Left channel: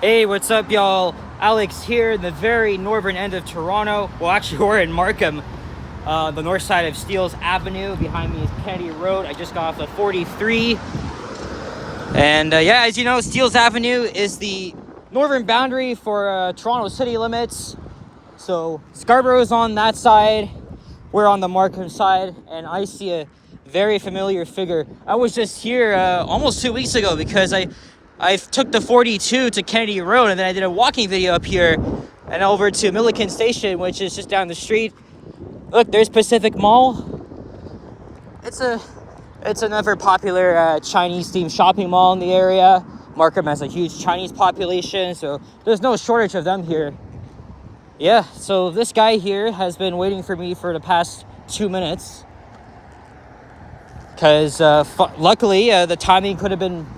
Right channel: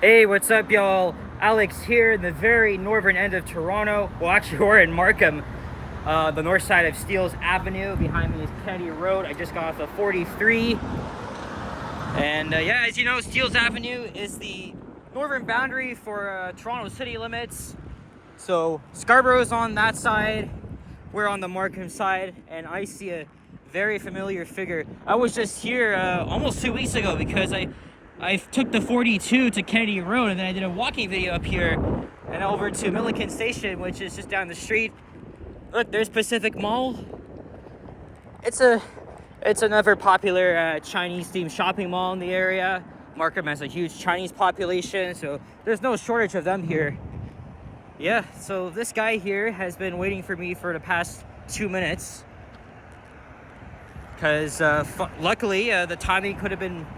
Hey, what's up, y'all? Alex here in the very northern end of Toronto. Well, actually, we're in Markham, the north side of Steeles Avenue. Behind me is Kennedy Road. I just got off the 43. And yeah, as you know, Steeles Avenue is the northern boundary for Toronto city limits. So Scarborough's on that side. We're on the Markham side, and I see a very familiar figure. I was just here almost 2 weeks ago because I took the 42 to Kennedy Road, and then I did a walking video up here and over to Milliken Station, which is just down the street. Look, there's Pacific Mall. It's another popular Chinese-themed shopping mall in the area. Markham has a huge Chinese population, so there's no shortage of them here. Yeah, so this guy here has been waiting for me for the past 2 minutes. Because luckily, the timing could have been,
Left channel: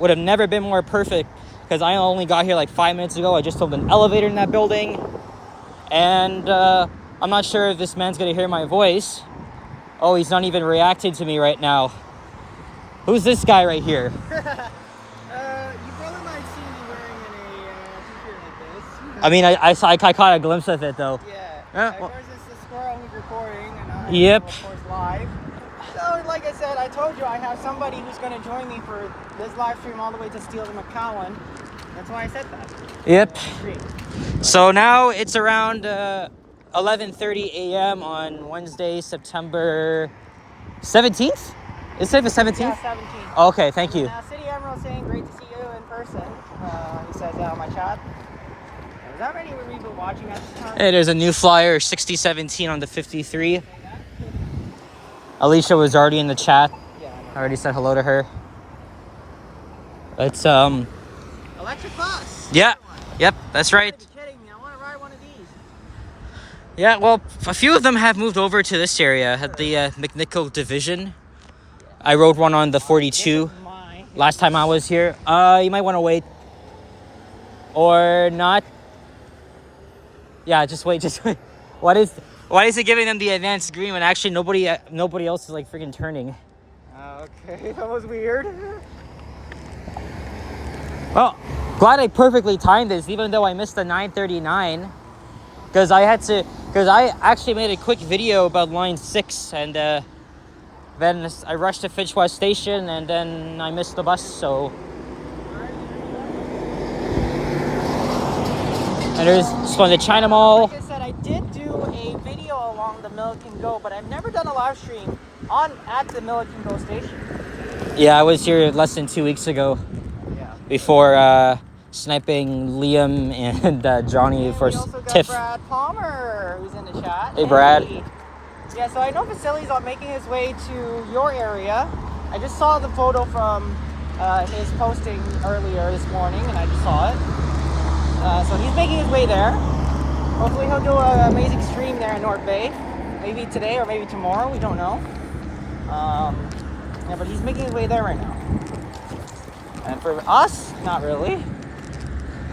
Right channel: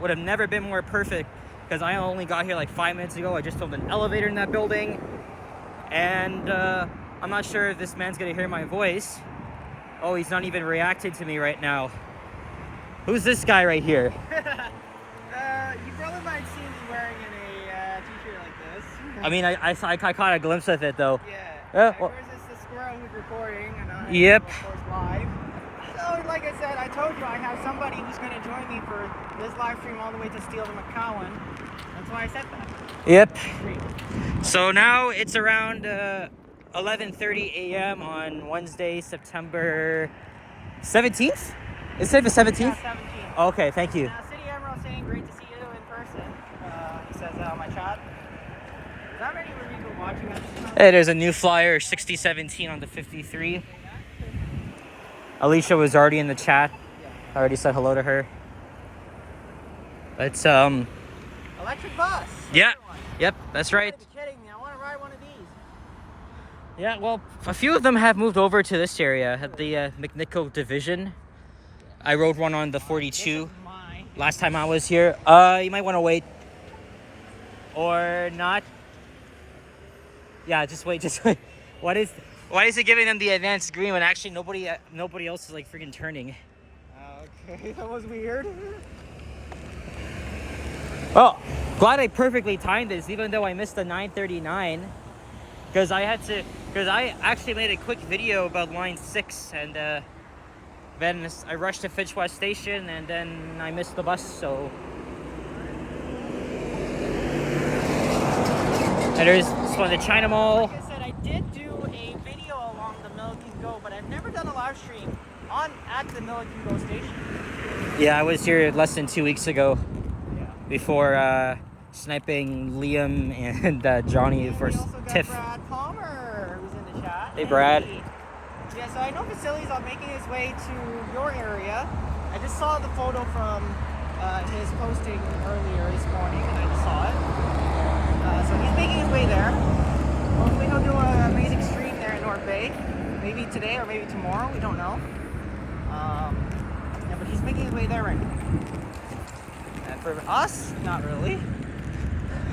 would have never been more perfect. Because I only got here like 5 minutes ago. I just took an elevator in that building. And I'm not sure if this man's going to hear my voice. Oh, he's not even reacting to me right now. Who's this guy right here? You probably might have seen me wearing a t-shirt like this. I mean, I caught a glimpse of it, though. Yeah. Well, of course, it's the squirrel who's recording, and I Yep. of course, live. So, like I said, I told you I have somebody who's going to join me for this live stream all the way to Steeles and McCowan. That's why I said that. Yep. Great. So now it's around 11:30 a.m. on Wednesday, September 17th? Is it the 17th? Yeah, 17. Okay, thank you. City Admiral saying great to see you in person. He says that on my chat. Is that already where you've been watching at this time? Hey, there's a new flyer, 6017 on the 53. Alicia was already in the chat. I already said hello to her. It's Electric bus. yeah. Yep, that's right. You're kidding me. I want to ride one of these. Yeah, well, a few of them have moved over to this area at the McNichol division. I rode one on the 42 last time I was here. You might want to wait. Or not. Yeah, just wait. Why is it giving them the advanced green when actually nobody else is like freaking turning? Okay, that was weird. Well, glad I perfectly timed this, even though I missed the 9:39, because I actually made a quick video about line 6, and then I rushed to Finch West Station, and then I missed the bus. So, and there's from the China Mall. Like I said, I did do a video along the Milliken Go, but I've never done a live stream at the Milliken Go station. Yeah, I was here less than 2 weeks ago. Yeah. Before sniping Liam and Johnny for We also got TIFF. Brad Palmer, who's in the chat. Hey, Brad. Yeah, so I know Vasily's on making his way to your area. I just saw the photo from his posting earlier this morning, and I just saw it. So he's making his way there. Hopefully he'll do an amazing stream there in North Bay. Maybe today or maybe tomorrow, we don't know. Yeah, but he's making his way there right now. And for us, not really.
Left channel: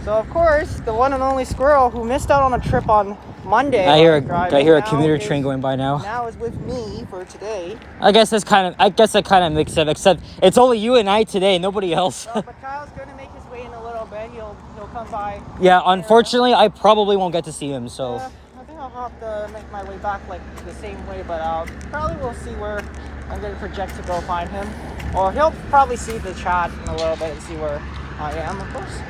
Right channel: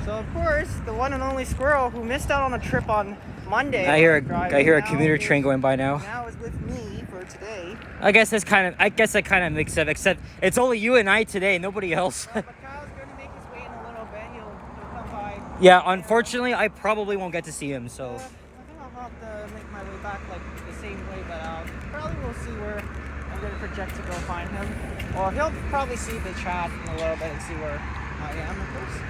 So of course, the one and only Squirrel who missed out on a trip on Monday. I hear a commuter train going by now. Now is with me for today. I guess that kind of makes it, except it's only you and I today, nobody else. But Kyle's gonna make his way in a little bit. He'll come by. Yeah, unfortunately, I probably won't get to see him. So I think I'll have to make my way back like the same way, but probably we'll see where I'm gonna project to go find him. Or he'll probably see the chat in a little bit and see where I am, of course.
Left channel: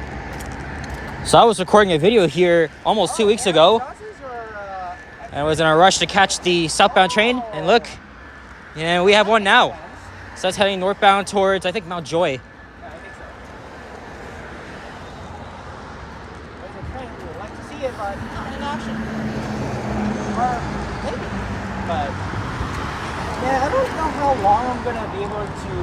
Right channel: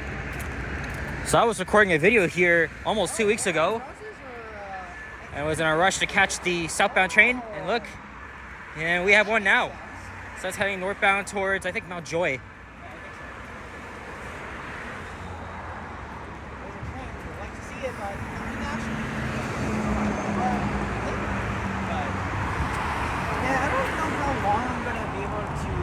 I was recording a video here almost 2 weeks ago, Buses or, and I was in a rush to catch the southbound train. And look, we have one now. So that's heading northbound towards, I think, Mount Joy. Yeah, I think so. There's a train too. I'd like to see it, but not in action. But yeah, I don't know how long I'm gonna be able to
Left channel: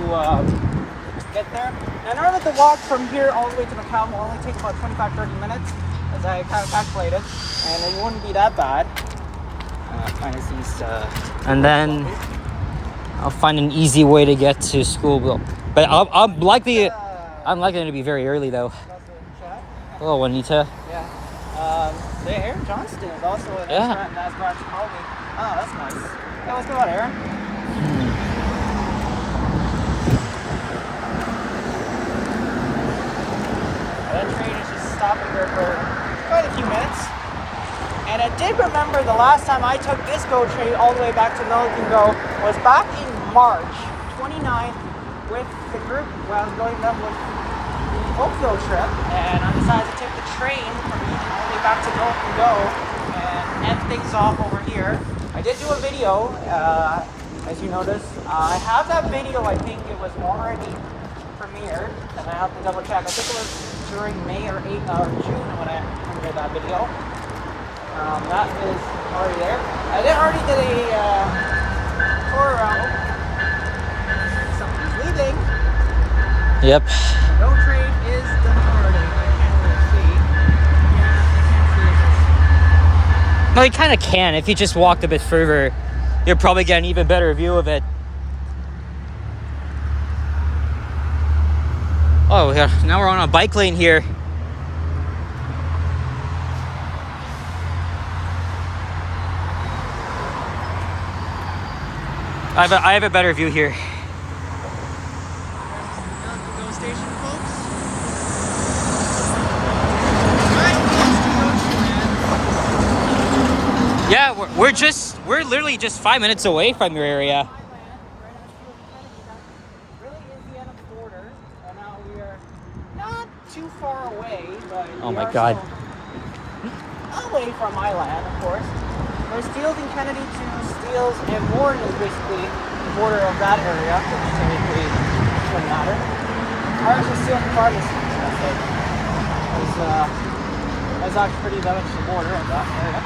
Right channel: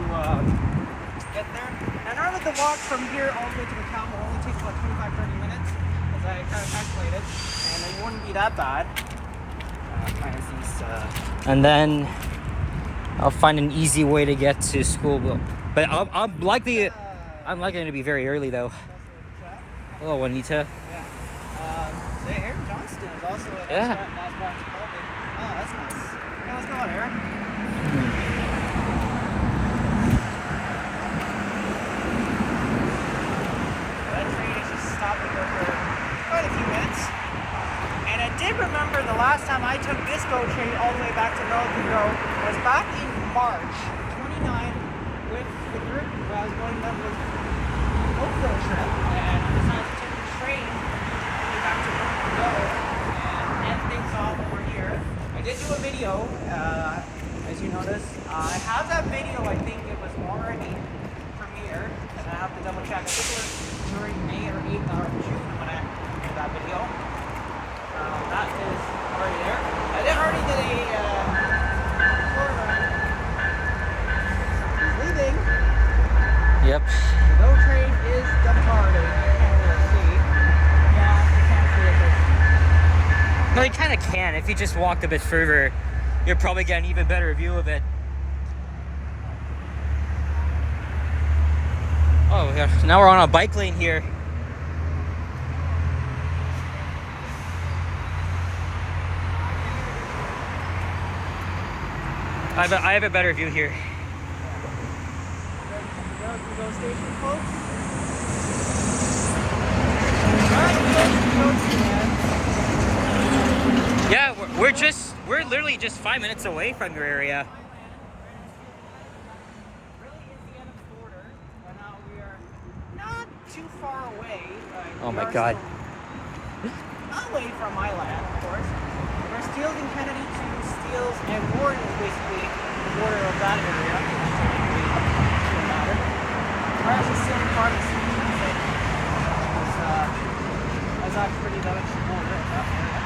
get there. And I know that the walk from here all the way to the town will only take about 25-30 minutes, as I kind of calculated, and it wouldn't be that bad. Kind of seems to. And then I'll find an easy way to get to school. But I'm likely to be very early though. Hello, Juanita. Yeah. Aaron Johnston is also an Yeah. That's Brad's colleague. Oh, that's nice. Yeah, let's go out, Aaron. GO train all the way back to Milliken Go. I was back in March 29th with the group where I was going up with the Oakville trip, and I decided to take the train from all the way back to Milliken Go and end things off over here. I did do a video, as you notice. I have that video, I think it was already premiered, and I have to double check. I think it was during May or June when I premiered that video. That is already there. I did already get a tour around. Somebody's leaving. Yep. The GO train is departing. I can't really see. Yeah, you can't see it. No, you kind of can. If you just walked a bit further, you'll probably get an even better view of it. Oh, yeah. Now we're on a bike lane here. I have a better view here. GO station, folks. Right close to GO, man. Yeah, we're literally just 5 minutes away from your area. Really is the end of the border. Now we are not too far away, but Oh we my are God. still away from my land, of course. There's Steeles and Kennedy to Steeles and Warren is basically the border of that area. So it really doesn't matter. We're actually still in the farthest street, so it's actually pretty much the border of that area.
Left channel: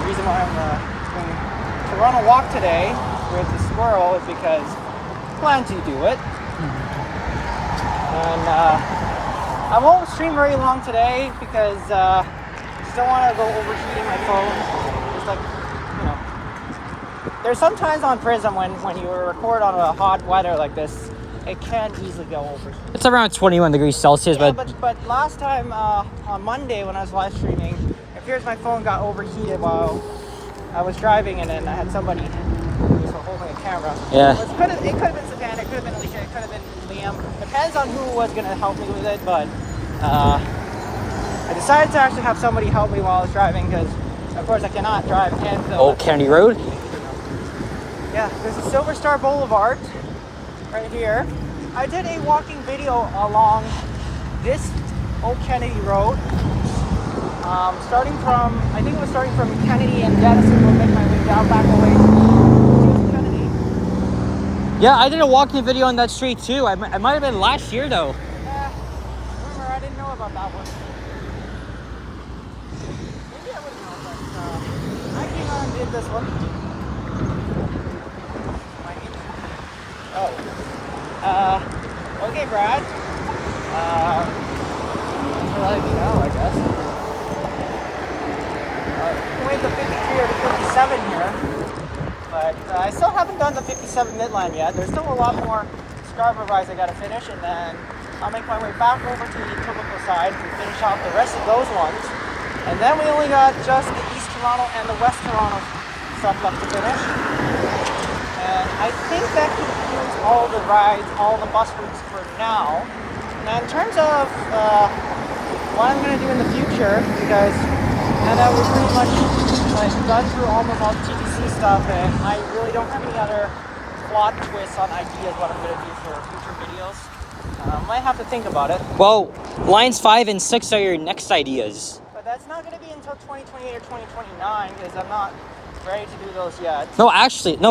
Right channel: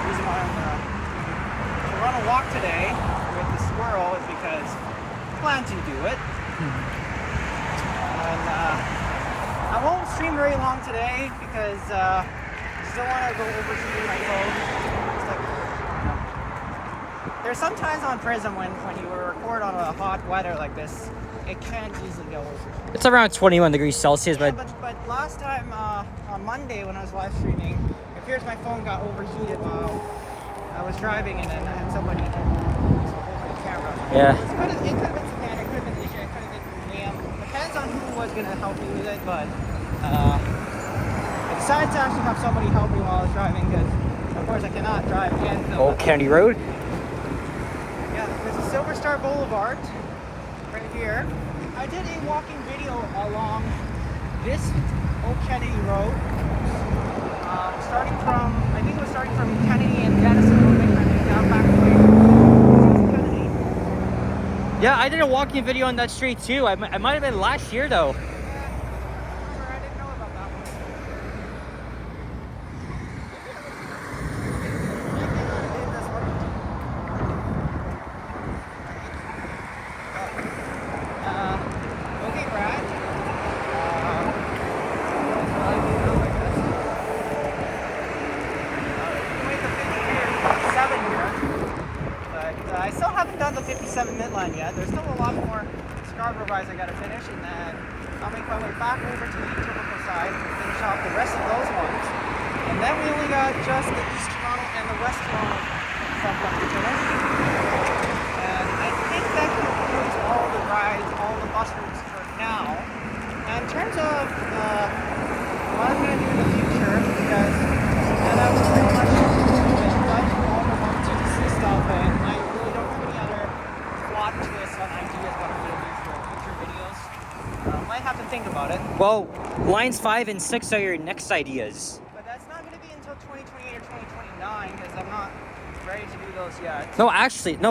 The reason why I'm doing a Toronto walk today with the squirrel is because I plan to do it. And I won't stream very long today because I just don't want to go overheating my phone. Just like, you know. There's sometimes on Prism when you record on a hot weather like this, it can easily go overheated. It's around 21 degrees Celsius, Yeah, but but last time on Monday when I was live streaming, it appears my phone got overheated while I was driving, and then I had somebody who was holding a camera. yeah. It could have been Savannah, it could have been Alicia, it could have been Liam. Depends on who was going to help me with it, but I decided to actually have somebody help me while I was driving because, of course, I cannot drive and film. Old Kennedy Road. Yeah, this is Silver Star Boulevard, right here. I did a walking video along this Old Kennedy Road, starting from, I think it was starting from Kennedy and Denison, and then down back away to Kennedy. Yeah, I did a walking video on that street too. I might have been last year though. Remember, I didn't know about that one. Maybe I came out and did this one. Okay, Brad. Now, I guess. Wait, the 53 or the 57 here. But I still haven't done the 57 midline yet. There's still a lot more Scarborough rides I gotta finish, and then I'll make my way back over to the Etobicoke side to finish out the rest of those ones. And then we only got just the East Toronto and the West Toronto stuff left to finish. And I think that concludes all the rides, all the bus routes for now. And in terms of what I'm going to do in the future, because that was pretty much like done through almost all the TTC stuff, and I really don't have any other plot twists on ideas what I'm going to do for future videos. I might have to think about it. Well, lines 5 and 6 are your next ideas. But that's not going to be until 2028 or 2029, because I'm not ready to do those yet. No,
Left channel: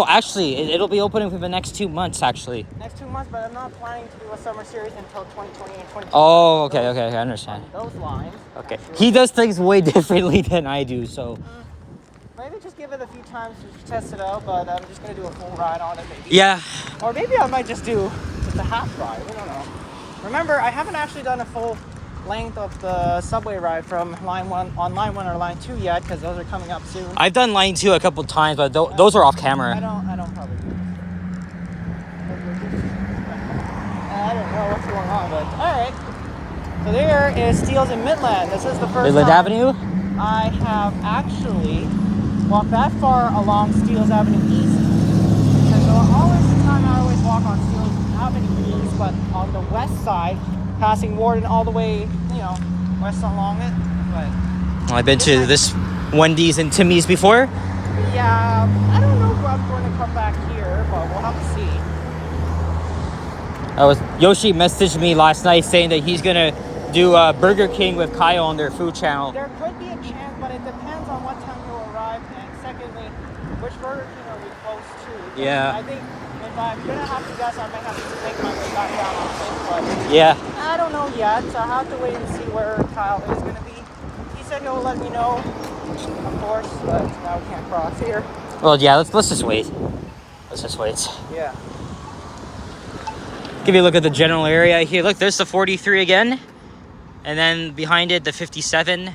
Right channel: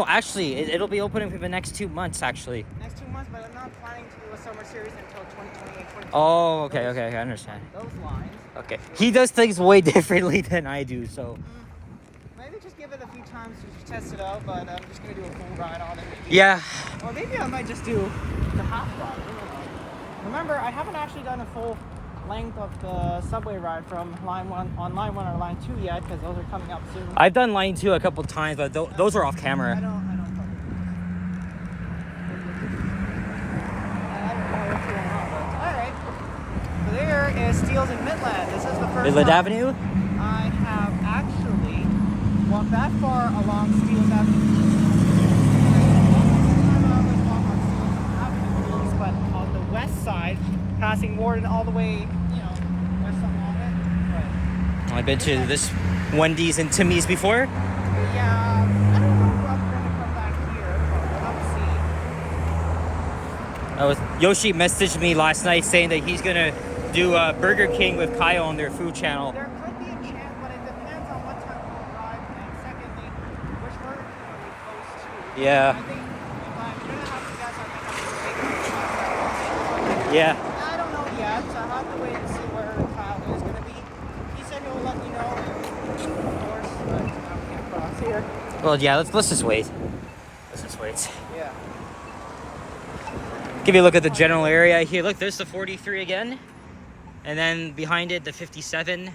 actually, it'll be opening for the next 2 months actually. Next 2 months, but I'm not planning to do a summer series until 2028 or 2029. Oh, okay, I understand. Those lines. Okay, he does things way differently than I do, so. Maybe just give it a few times to test it out, but I'm just going to do a full ride on it maybe. Yeah. Or maybe I might just do the half ride. I don't know. Remember, I haven't actually done a full length of the subway ride from line 1 or line 2 yet, because those are coming up soon. I've done line 2 a couple times, but those are off camera. I don't probably. I don't know what's going on, but alright. So there is Steeles and Midland. This is the first Midland time Avenue? I have actually walked that far along Steeles Avenue East. And so all this time I always walk on Steeles Avenue East, but on the west side, passing Warden all the way, west along it. But Well, I've been to this Wendy's and Timmy's before? Yeah, I don't know if I'm going to come back here, but we'll have to see. Yoshi messaged me last night saying that he's gonna do Burger King with Kyle on their food channel. There could be a chance, but it depends on what time you'll arrive, and secondly, which Burger King are we close to. Yeah. I think if I'm gonna have to guess, I might have to take my way back down. Yeah. I don't know yet. I have to wait and see where Kyle is gonna be. He said he'll let me know, of course, but now we can't cross here. Well, yeah. Let's just wait. Let's just wait. Yeah. Give you a look at the general area here. Look, there's the 43 again, and then behind it the 57. Yeah.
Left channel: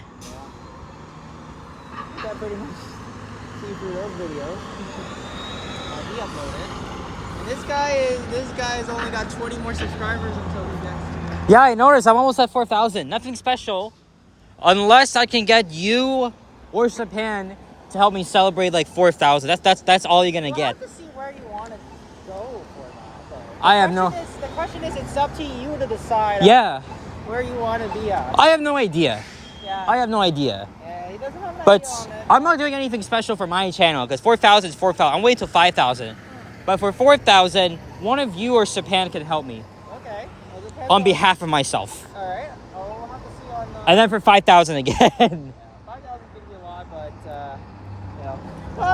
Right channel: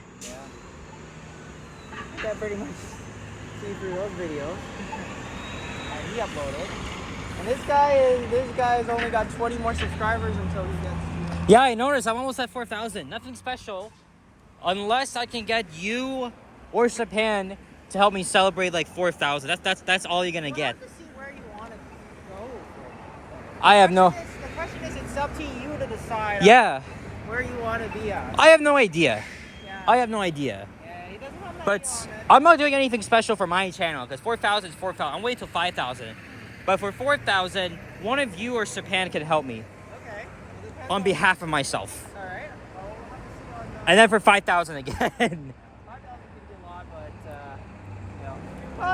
That pretty much see through those videos. He uploaded. And this guy's only got 20 more subscribers until we get. Yeah, I noticed. I'm almost at 4,000. Nothing special, unless I can get you or Sapan to help me celebrate like 4,000. That's all you're gonna get. Have to see where you want to go for that. Though. I have no. The question is, it's up to you to decide. Yeah. Where you want to be at. I have no idea. Yeah. I have no idea. Yeah, he doesn't have an But idea on it. I'm not doing anything special for my channel because 4,000 is 4,000. I'm waiting till 5,000. But for 4,000, one of you or Sapan can help me Okay. Well, depends on behalf of myself. All right. Well, we'll have to see on. And then for 5,000 again. 5,000 gives you a lot, but yeah. Well,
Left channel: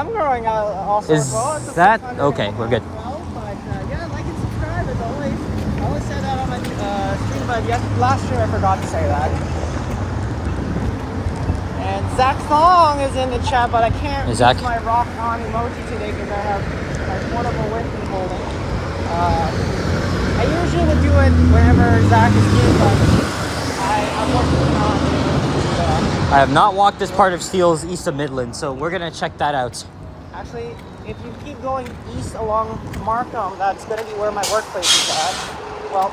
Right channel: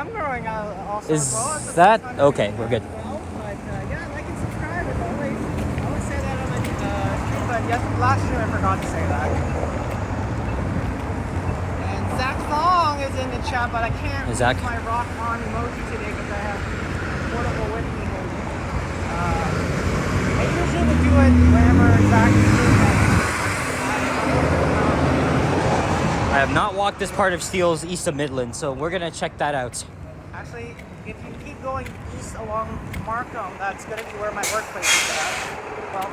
I'm growing out also. Is as well. It's that- fun okay, we're good. as well, but yeah, like and subscribe as always. I always say that on the stream, but last stream I forgot to say that. And Zach Long is in the chat, but I can't use Zach? my rock on emoji today because I have one of the with me holding. I usually would do it wherever Zach is doing it. I have not walked this part of Steeles east of Midland, so we're going to check that out. Actually, if you keep going east along Markham, that's going to be where my workplace is at. Well,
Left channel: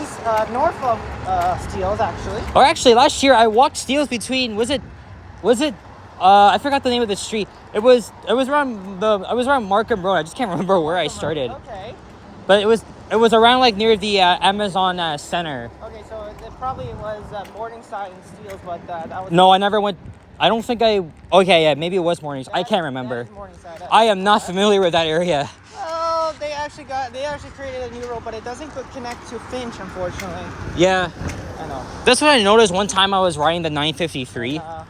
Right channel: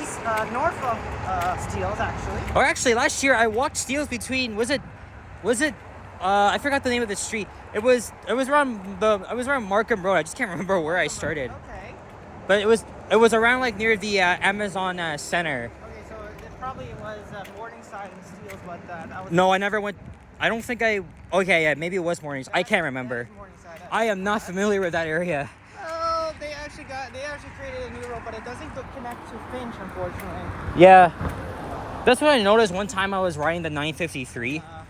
east, north of Steeles, actually. Or actually, last year I walked Steeles between, was it, I forgot the name of the street. It was around Markham Road. I just can't remember where I started. Okay. But it was around like near the Amazon Center. Okay, so it probably was Morningside and Steeles, but that was... No, I never went. I don't think I. Okay, yeah, maybe it was Mornings. I can't remember. Yeah, Morningside. I am not familiar with that area. Oh, they actually created a new road, but it doesn't connect to Finch, unfortunately. Yeah, I know. that's what I noticed one time I was riding the 953. Yeah,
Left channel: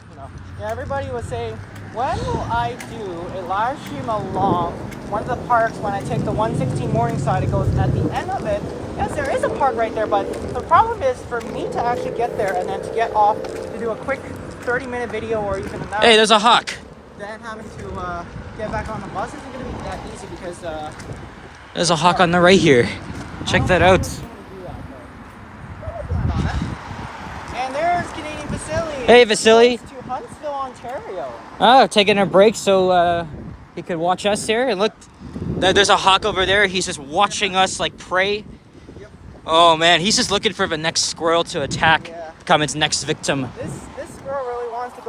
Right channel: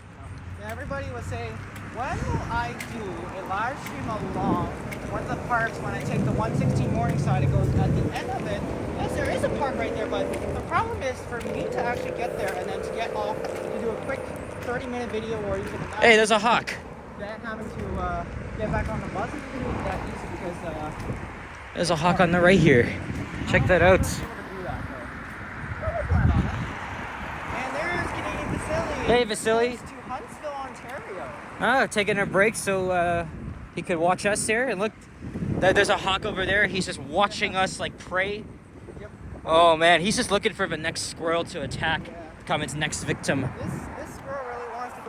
everybody was saying, when will I do a live stream along one of the parks when I take the 116 Morningside? It goes at the end of it. Yes, there is a park right there, but the problem is for me to actually get there and then to get off to do a quick 30-minute video or even another. Hey, there's a hawk. Then having to get back on the bus isn't going to be that easy because... There's a hawk on the right here. Check that out. And there's Canadian Vasily. Hey, Vasily. To Huntsville, Ontario. Oh, taking a break so he could watch us here. And look, there's a hawk over there. He's just watching us like prey. Yep. Oh man, he's just looking for the next squirrel to attack, Yeah. become its next victim. This girl really wants to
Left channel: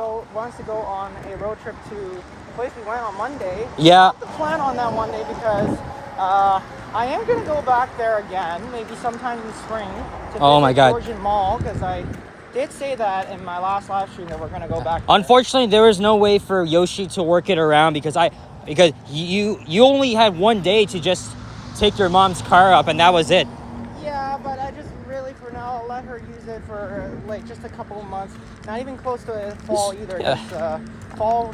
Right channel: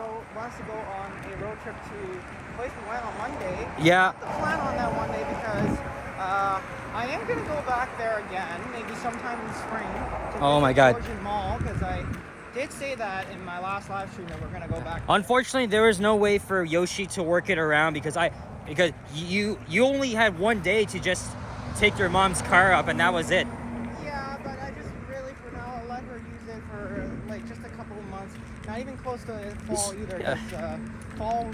go on a road trip to the place we went on Monday. Yeah. The plan on that one day because I am gonna go back there again, maybe sometime in the spring. To Oh my visit God. Georgian Mall, because I did say that in my last live stream that we're gonna go back. Unfortunately, there was no way for Yoshi to work it around because you only had one day to just take your mom's car up and that was it. Yeah, but I just really for now let her use it for like just a couple of months. Not even close to fall either. Yeah. Fall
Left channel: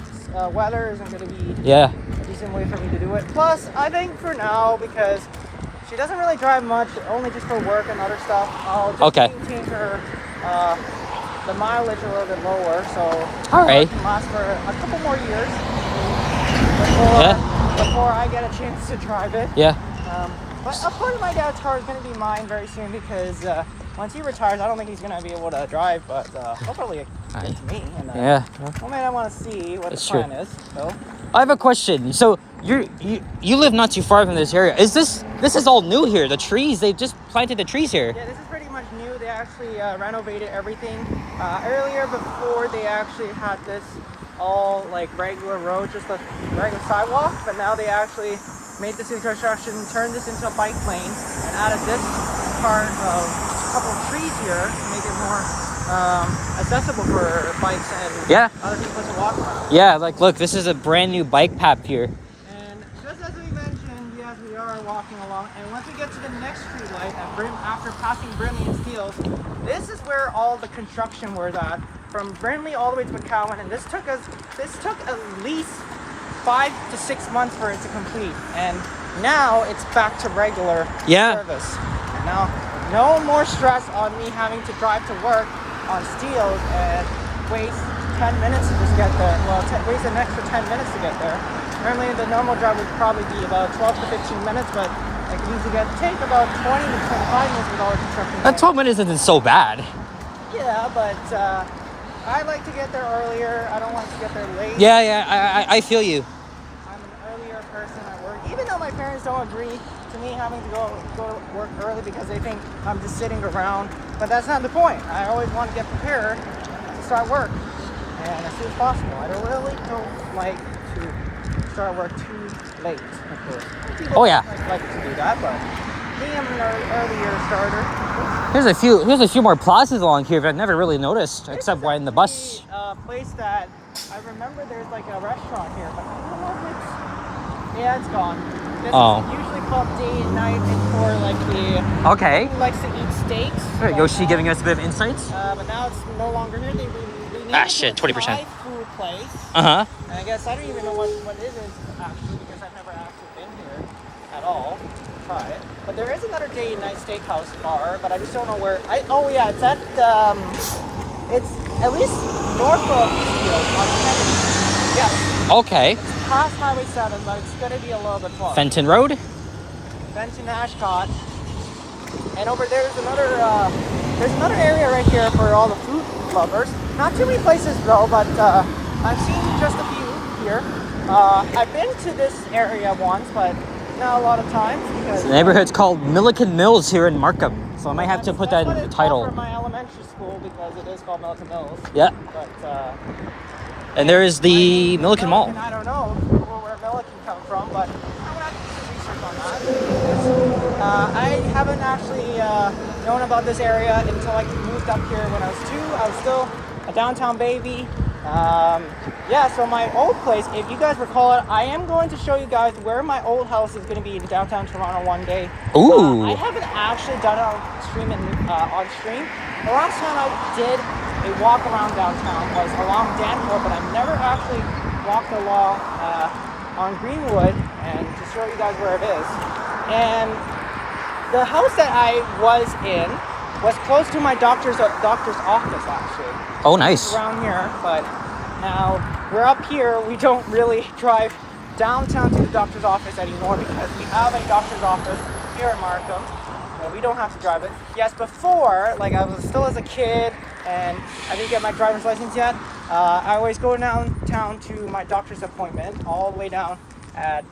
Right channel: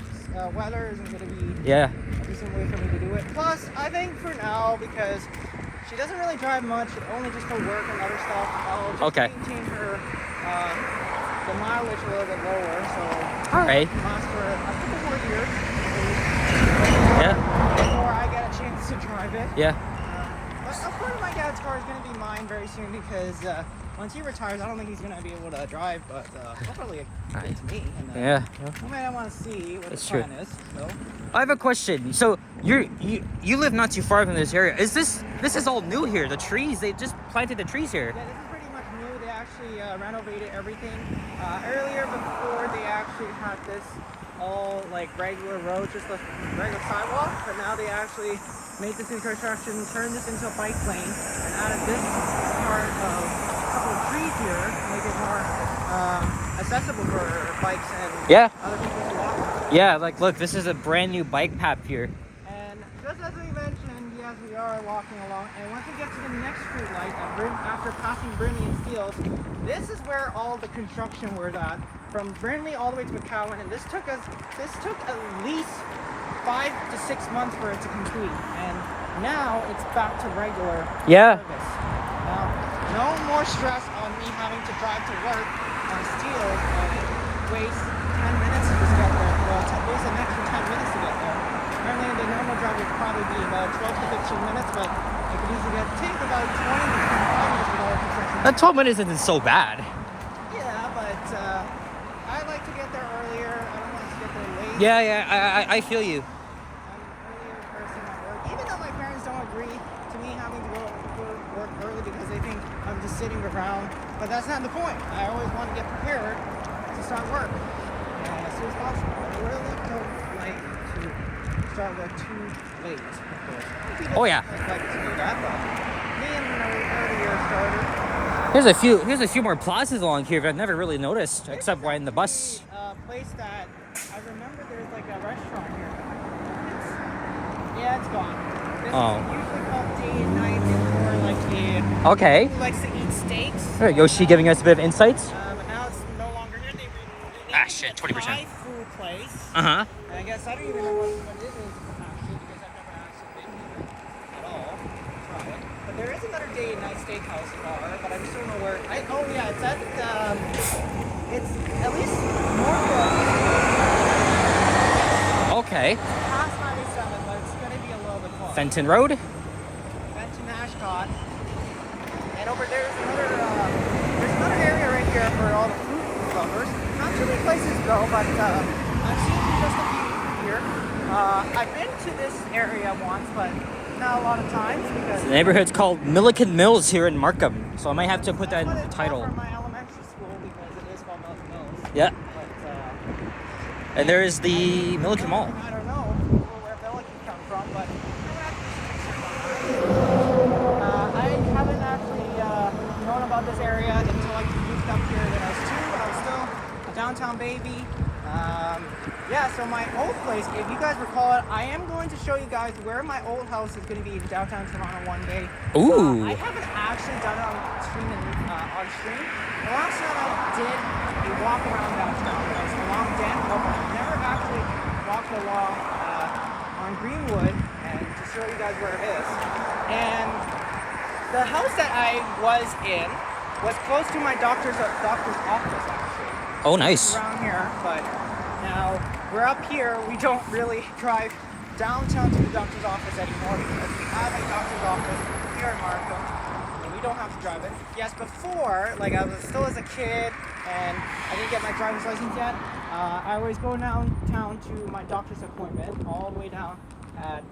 weather isn't gonna be Yeah. a decent way for me to do it. Plus, I think for now because she doesn't really drive much, only just for work and other stuff. I'll just Okay. maintain her the mileage a little bit lower. So All right. last for a couple more years. Yeah. Before I get a chance to drive it. Yeah. But of course, my dad's car is going to be mine very soon because once he retires, I don't think he's going to be able to drive, but he'll probably give it to me. And, Yeah. well, maybe I want to see what That's the plan true. is. So. I have a question. So you live not too far from this area. This is all new here. The trees, they just planted the trees here. Yeah, this is pretty much new. They actually renovated everything. Earlier, before they actually had this all like regular road, just a regular sidewalk, but now they actually made this infrastructure and turned this into a bike lane and added this part of a couple of trees here to make it more accessible for bikes and Yeah. other people to walk. Yeah, like look, this is a brand new bike path here. And just as we mentioned, yes, we are walking along. And once we get to the next street light, after passing Brindley and Steeles, this is where all the construction was at, from Brindley all the way to McCowan. And this took at least 5 to 6 months for it to complete. And now it's back to regular service. Now, no more stress on me having to drive to work on Steeles and waste 10 minutes to get there. Well, waste an extra 10 minutes to get there. Apparently, the normal drive would probably be about 12 to 15 minutes, but it can usually take about 20 to 25 minutes with all the construction. That 12 minutes isn't so bad. Yeah, but I like to get there earlier. I don't want to get there late. Yeah, I feel you. I'm an earlier person at work, even though my parents don't agree to me having to go work early because they think I'm just sitting around. But that's not the point. I always want to get prepared to start work, and as soon as possible. I don't really like to start work too late. Oh yeah. Like to do that, but me, I'm an earlier starter. Here's a few more plazas along here that I've never really noticed, except when the bus. Place that I remember there's like a restaurant here. Yeah, it's gone. This is usually called day and night for like the Okay. who likes to eat steaks. Yoshi giving us a bit of insights. But now it's no longer here. They Shit, 20%. Thai food place. Uh-huh. And I guess I don't even know what it is actually because I've never actually been here at all to try it. But there is another day and night steakhouse bar, but I just don't know where. It's at it's at least north of Steeles on Kennedy. Yes. Okay. Past Highway 7, but it's gonna be a little bit close. Fenton Road. Fenton Ashcott. And over there's another area right here for all the food lovers. Not too many places though, but I've seen just a few here. I've been to this area once, but not a lot of times because The neighborhood's called Milliken Mills here in Markham, so I might have to put that in the title. From my elementary school because it is called Milliken Mills. Yeah. But, And there is the Milliken Mall. I don't know where Milliken comes from, but I haven't actually known about this area until I moved up here when I was 2. I was still a downtown baby. So my old place, if you guys recall it, I am going to show you guys where my old house is going to be in downtown Toronto one day. Ooh. I haven't actually done it on stream. The last time I did a walk around downtown was along Danforth, but I've never actually walked along on Greenwood and to show you guys where it is. And the house that I was in was close to my doctor's office actually. Oh, nice. Around here, but now we're up here. We don't really drive downtown to the doctor's office anymore because we have a doctor's office here in Markham. We don't have to drive it. Yes, before, like I was still as a kid and I didn't get my driver's license yet, I always go downtown to my doctor's appointment all the way down at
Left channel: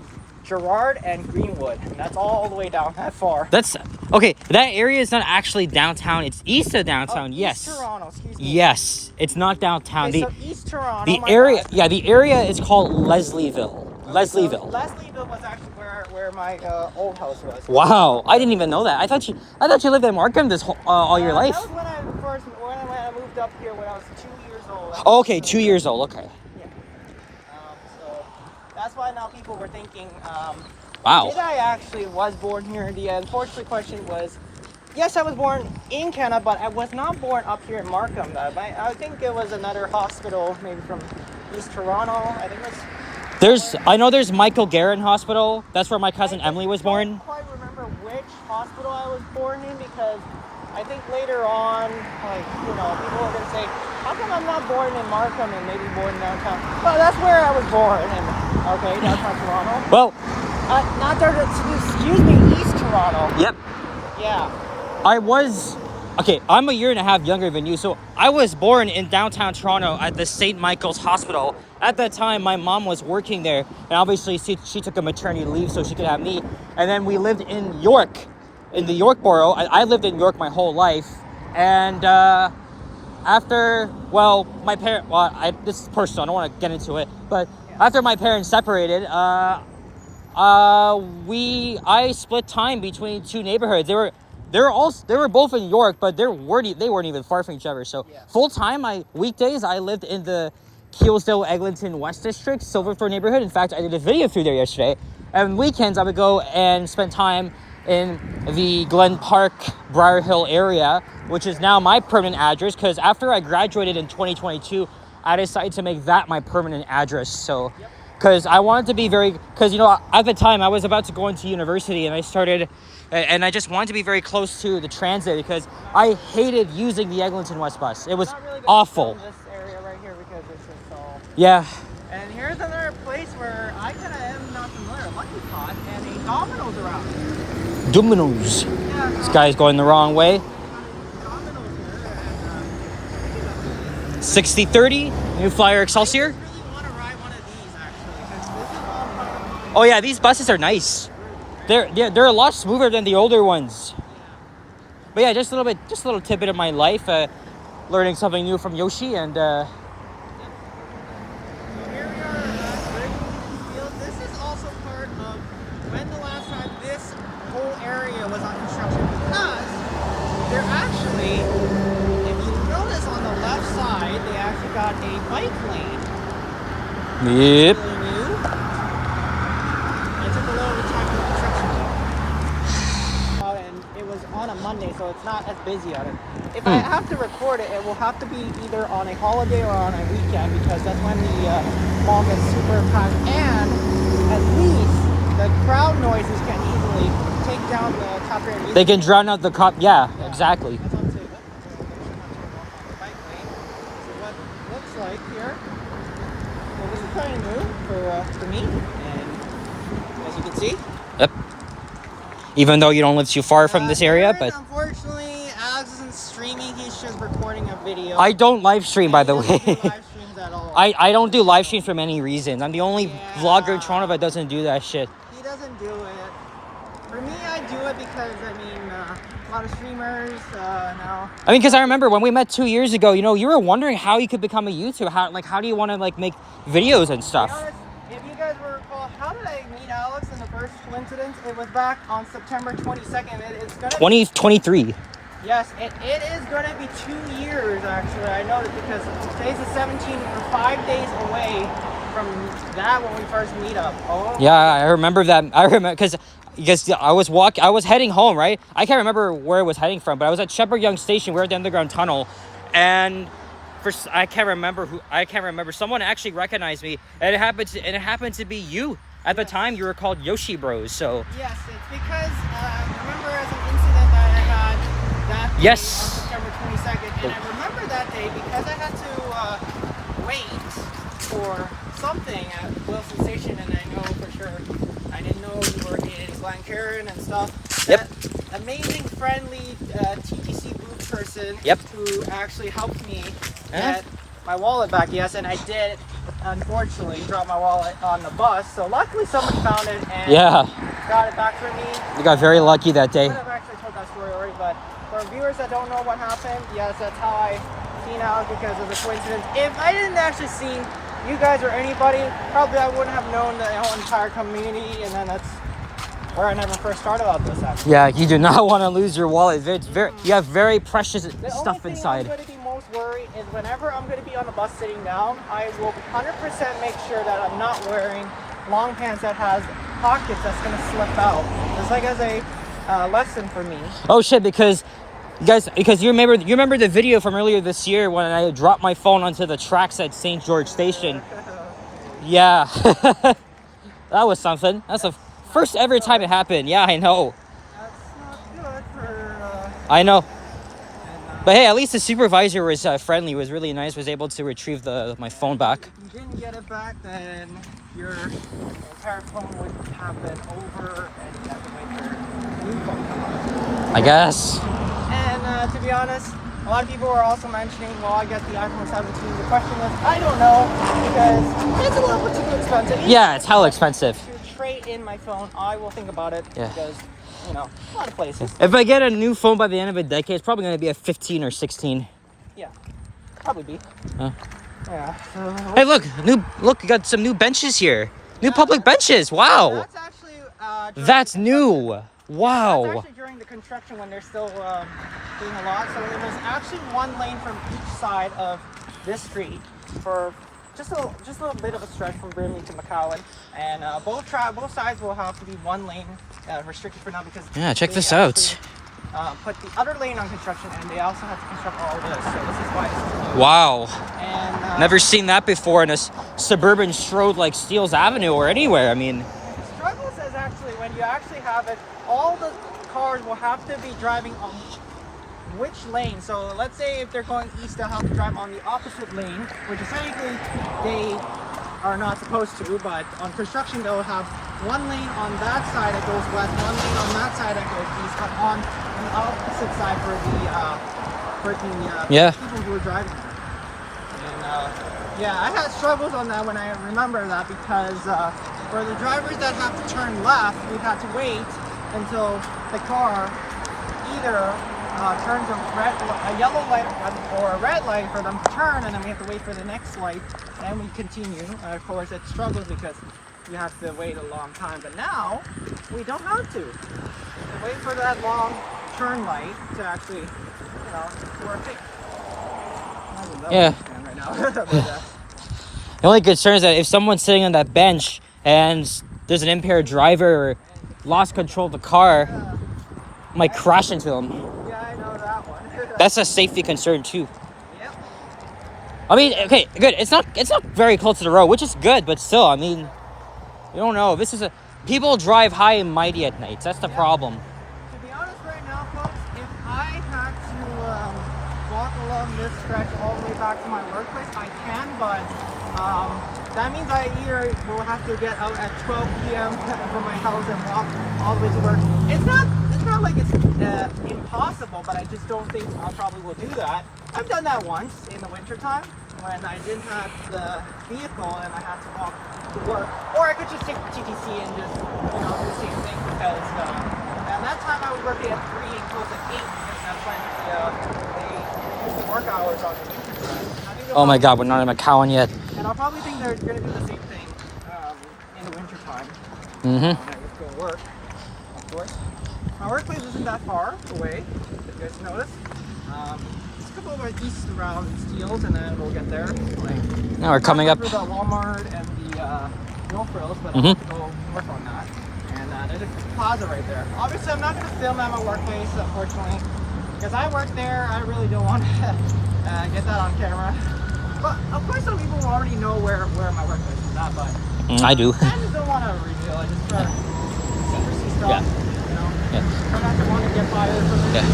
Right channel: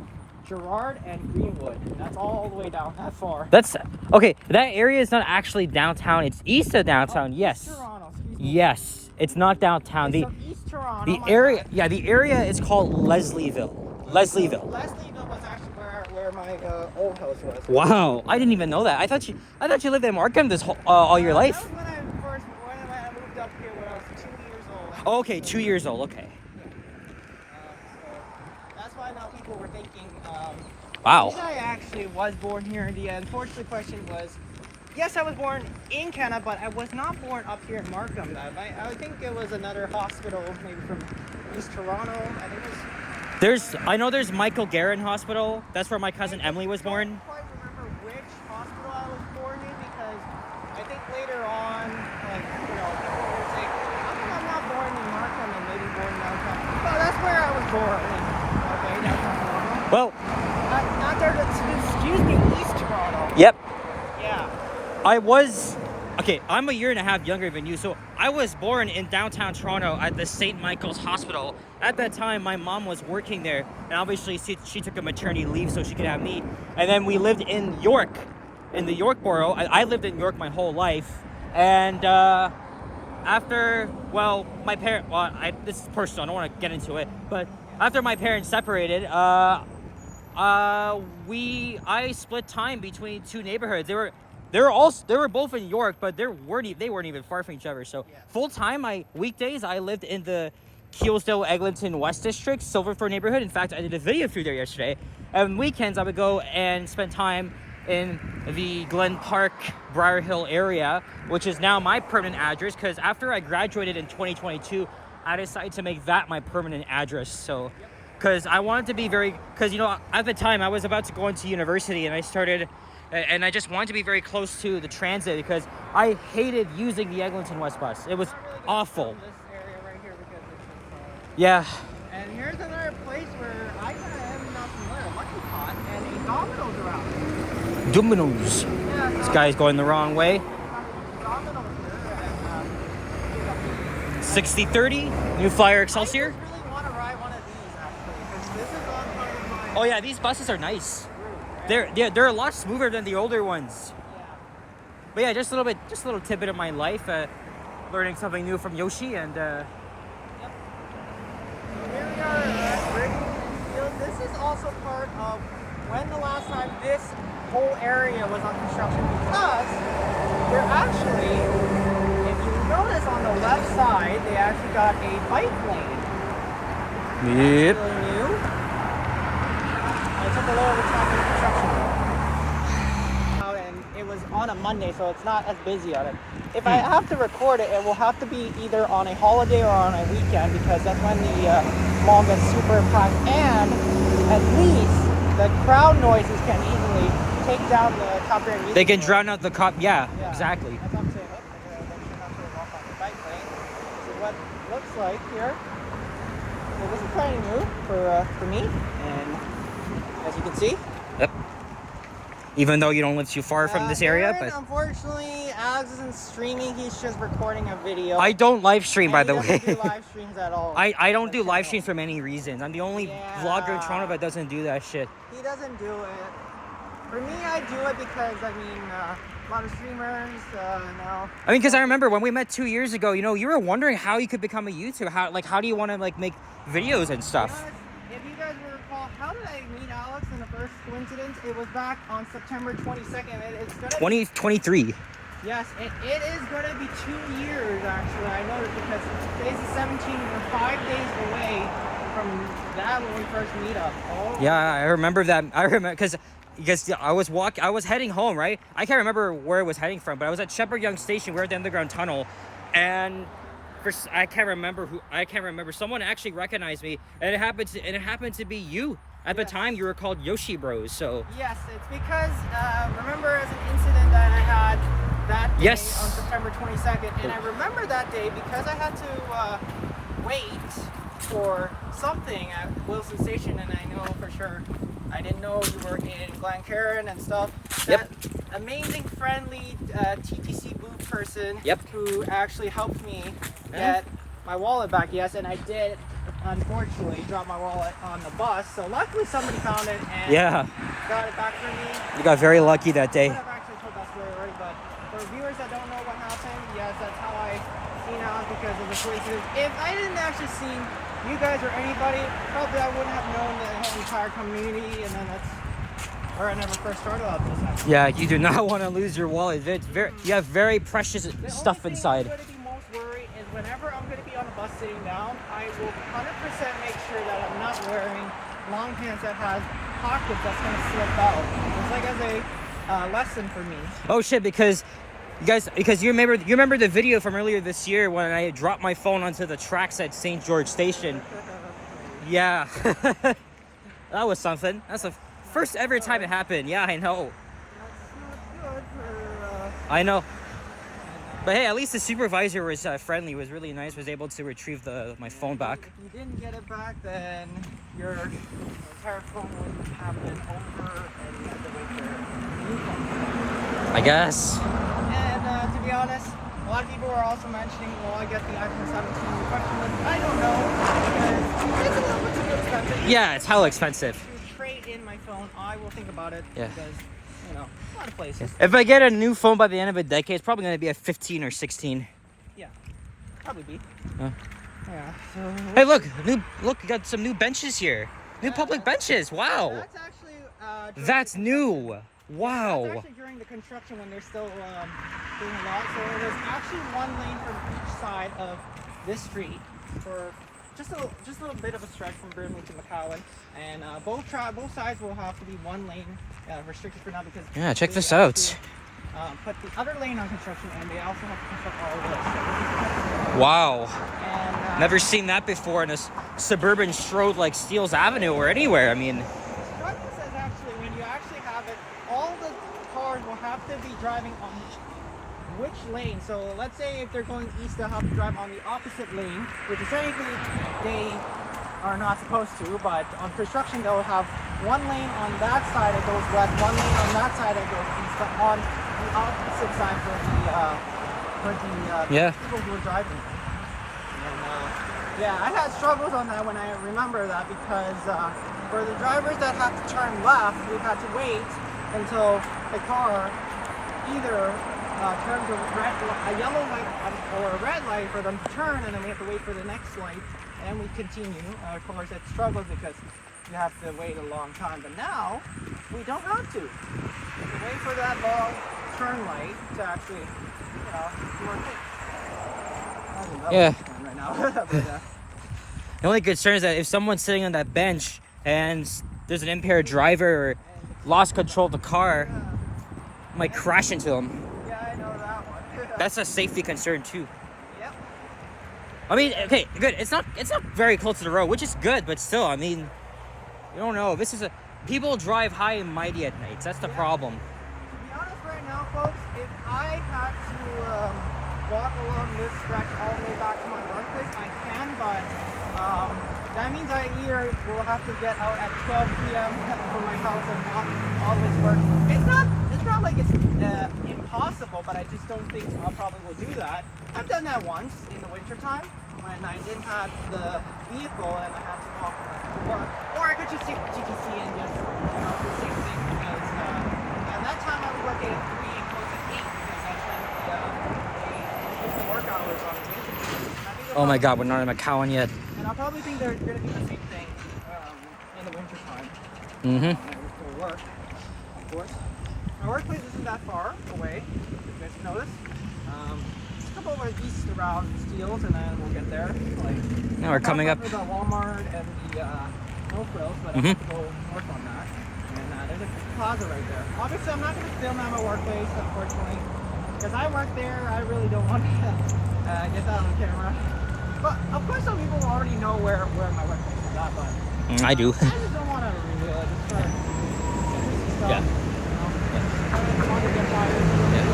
Gerrard and Greenwood. And that's all the way down that far. That's okay. That area is not actually downtown. It's east of downtown. Yes. East Toronto, excuse me. Yes, it's not downtown. Okay, so East Toronto, the area, yeah, the area is called Leslieville. Leslieville. Leslieville was actually where my old house was. Wow, I didn't even know that. I thought you lived in Markham all your life. That was when I moved up here when I was 2 years old. Oh, okay, 2 years old. Okay. So that's why now people were thinking, Wow. did I actually was born here? The unfortunate question was, yes, I was born in Canada, but I was not born up here in Markham. I think it was another hospital, maybe from East Toronto. I think it's. I know there's Michael Guerin Hospital. That's where my cousin Emily was born. I don't quite remember which hospital I was born in because I think later on, people were going to say, how come I'm not born in Markham and maybe born downtown? Well, that's where I was born. Okay, downtown Toronto. Well, not downtown, excuse me, East Toronto. Yep. Yeah. I'm a year and a half younger than you, so I was born in downtown Toronto at the St. Michael's Hospital. At that time, my mom was working there, and obviously she took a maternity leave so she could have me. And then we lived in York, in the York borough. I lived in York my whole life, and this is personal, I don't want to get into it, but after my parents separated, I split time between 2 neighborhoods. They were both in York, but they weren't even far from each other. So full time, weekdays I lived in the Keelsdale, Eglinton, West District, Silverthorne neighborhood. In fact, I did a video through there yesterday. And on weekends, I would go and spend time in the Glen Park, Briar Hill area, which is now my permanent address, because after I graduated in 2022, I decided to make that my permanent address. So, because I wanted to be because, you know, at the time I was about to go into university, and I just wanted to be very close to the transit, because I hated using the Eglinton West bus. It was awful. This area right here because it's Yeah. And here's another place where I kind of am not familiar. Lucky Pot and a Domino's around. Domino's. Yeah, This guy's going the wrong way. Domino's here. 60-30, New Flyer Excelsior. I really want to ride one of these actually. This is all part of my. Oh yeah, these buses are nice. They're a lot smoother than the older ones. But yeah, just a little tidbit of my life, learning something new from Yoshi, and This is also part of when the last time this whole area was on construction, because they're actually, if you notice on the left side, they actually got a bike lane. yep. Really new. And it took a little bit of time for construction. And it was on a Monday, so it's not as busy on it. If I have to record it, it will have to be either on a holiday or on a weekend, because that's when the mall gets super packed, and at least the crowd noises can easily take down the top area. They can drown out the cop. Yeah, exactly. That's what I'm saying. This is what it looks like here. So this is kind of new for me, and as you can see. Yep. Even though you don't live too far from this area, but unfortunately, Alex isn't streaming. He's just recording a video. I don't live stream, by the He doesn't do way. live streams at all. I don't do live stream for many reasons. I'm the only vlogger in Toronto that doesn't do that shit. He doesn't do it. For me, I do it because a lot of streamers now. I mean, because I remember when we met 2 years ago, you know, you were wondering how you could become a YouTuber. How do you want to make videos and stuff? If you guys will recall, how did I meet Alex in the first coincidence? It was back on September 22nd. It's gonna 2023. Yes, it is going to be 2 years, actually. I noticed because today's the 17th, and 5 days away from that when we first meet up. Oh. Yeah, I remember that. I remember because I was heading home, right? I can't remember where I was heading from, but I was at Shepherd Young Station. We were at the underground tunnel, and I can't remember. Someone actually recognized me, and it happened to be you. At the time, you were called Yoshi Bros. So yes, it's because remember as an incident that I had that day on September 22nd, and I remember that day because I had to wait for something at Wilson Station, and I know for sure I didn't know you were in Glencairn and stuff. That amazing, friendly TTC booth person who actually helped me get my wallet back. Yes, and I did unfortunately drop my wallet on the bus. So luckily someone found it and got it back for me. You got very lucky that day. I've actually told that story already, but for viewers that don't know what happened, yes, that's how I seen out because of the coincidence. If I didn't actually see you guys or anybody, probably I wouldn't have known the whole entire community, and then that's where I never first started about this actually. Yeah, you do not want to lose your wallet. You have very precious stuff inside. I'm going to be most worried is whenever I'm going to be on the bus sitting down, I will 100% make sure that I'm not wearing long pants that has pockets that's going to slip out. Just like as a lesson for me. Oh shit! Because you remember the video from earlier this year when I dropped my phone onto the tracks at St. George Station. Yeah, that was something. That's the first ever time it happened. Yeah, I know. That's not good for. I know. But hey, at least the supervisor was friendly. Was really nice. Was able to retrieve my phone back. If you didn't get it back, then your entire phone would happen over, and you have to wait for a new phone. I guess. And to be honest, a lot of people are also mentioning, well, I get the iPhone 17. The question is, I don't know, because it's a little bit too expensive. Yeah, it's hella expensive. To trade in my phone, I will think about it. Yeah. Because, you know, a lot of places. If I get a new phone by the end of a decade, it's probably going to be a 15 or 16. Yeah, probably be. Huh? Yeah. Hey, look, you got some new benches here. New public benches. Wow. That's actually. That's new. Wow. That's actually during the construction when they're still doing a lot. So there's actually one lane from each side of this street for just a little bit of a stretch from Burnley to McCowan, and both sides will have to be one lane restricted for now because Yeah, check they this out. actually, put the other lane on construction, and they also have to construct all of this. So this is why. Wow. And Never seen that before in a suburban stroad like Steeles Avenue or anywhere. I mean, the struggle says actually when you actually have it, all the cars will have to be driving on which lane. So let's say if they're going east, they'll have to drive on the opposite lane, which is technically they are not supposed to, but on construction they'll have one lane on that side that goes west, one lane on that side that goes east, but on the opposite side for the Yeah. people who are driving there. And yeah, I had struggles on that when I remember that because for the drivers that have to turn left, we have to wait until the car either turns a yellow light or a red light for them to turn, and then we have to wait for the next light, and we continue. Of course, it struggles because you have to wait a long time, but now we don't have to. Wait for that long turn light to actually, work it. Yeah. Right now. The only concern is that if someone's sitting on that bench and there's an impaired driver or lost control of the car, might crash into them. Yeah, I know that one. That's a safety concern too. Yep. I mean, okay, good. It's not very close to the road, which is good, but still, I mean, you don't know. People drive high and mighty at nights. That's the problem. To be honest, right now, folks, if I had to walk along this stretch all the way back to my workplace, I can, but that means I either will have to get out at 12 p.m. from my house and walk all the way to work. It's not like it's impossible, but I just don't think I probably will do that. I've done that once in the wintertime when I didn't have the vehicle and I had to walk to work. Or I could just take the TTC and just, do the same thing because at that time I was working at 3 and close at 8 because that's when they use the work hours on the wintertime. Oh my God, we're not in McCowan yet. And I'll probably think they're going to do the same thing in the wintertime. Mm-hmm. When I would go work, of course. My workplace isn't that far away, if you guys notice. Just a couple of east around Steeles, and then we'll get there. Now we're coming up. Through the Walmart and the Mill Frills, but I'll have to go north on that. And there's a plaza right there. Obviously, I'm not going to film at my workplace, unfortunately, because I work there. I really don't want to get that on camera. But of course, some people already know where my workplace is at, but I do. I just don't want to reveal it. Just try to see stuff. Yeah. Try not to want to get fired from them.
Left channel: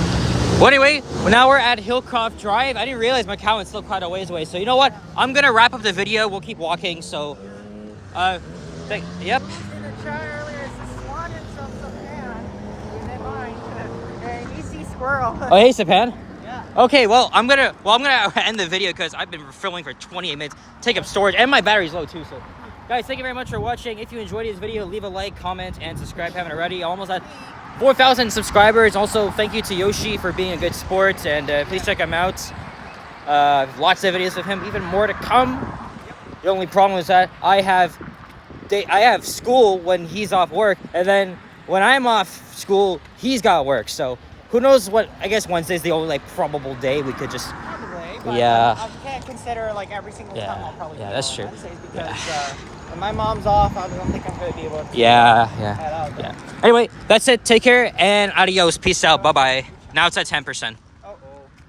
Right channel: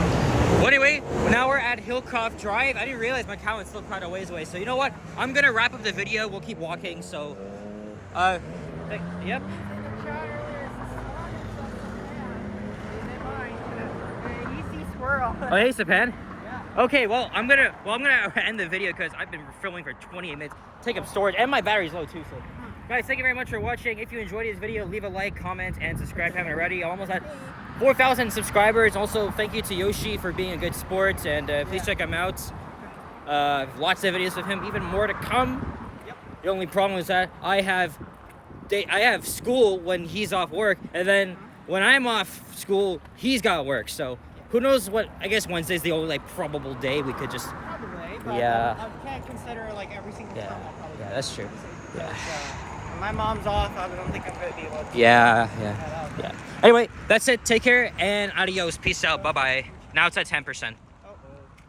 Well, anyway, now we're at Hillcroft Drive. I didn't realize McCowan's still quite a ways away. So you know what? I'm gonna wrap up the video. We'll keep walking. So, yep. You see squirrel. Oh, hey, Sapan. Yeah. Okay, well, I'm gonna end the video because I've been filming for 28 minutes. Take up storage, and my battery's low too. So, guys, thank you very much for watching. If you enjoyed this video, leave a like, comment, and subscribe if you haven't already. Almost at 4,000 subscribers. Also, thank you to Yoshi for being a good sport, and please check him out. Lots of videos of him, even more to come. Yep. The only problem is that I have school when he's off work, and then when I'm off school, he's got work. So who knows what? I guess Wednesday's the only probable day we could just. Probably, but Yeah. I can't consider every single time. Yeah. I'll probably Yeah, go that's on true. Wednesdays Yeah. because, when my mom's off, I don't think I'm going to be able to. Yeah. head out. Anyway, that's it. Take care and adios. Peace out. Bye bye. Now it's at 10%.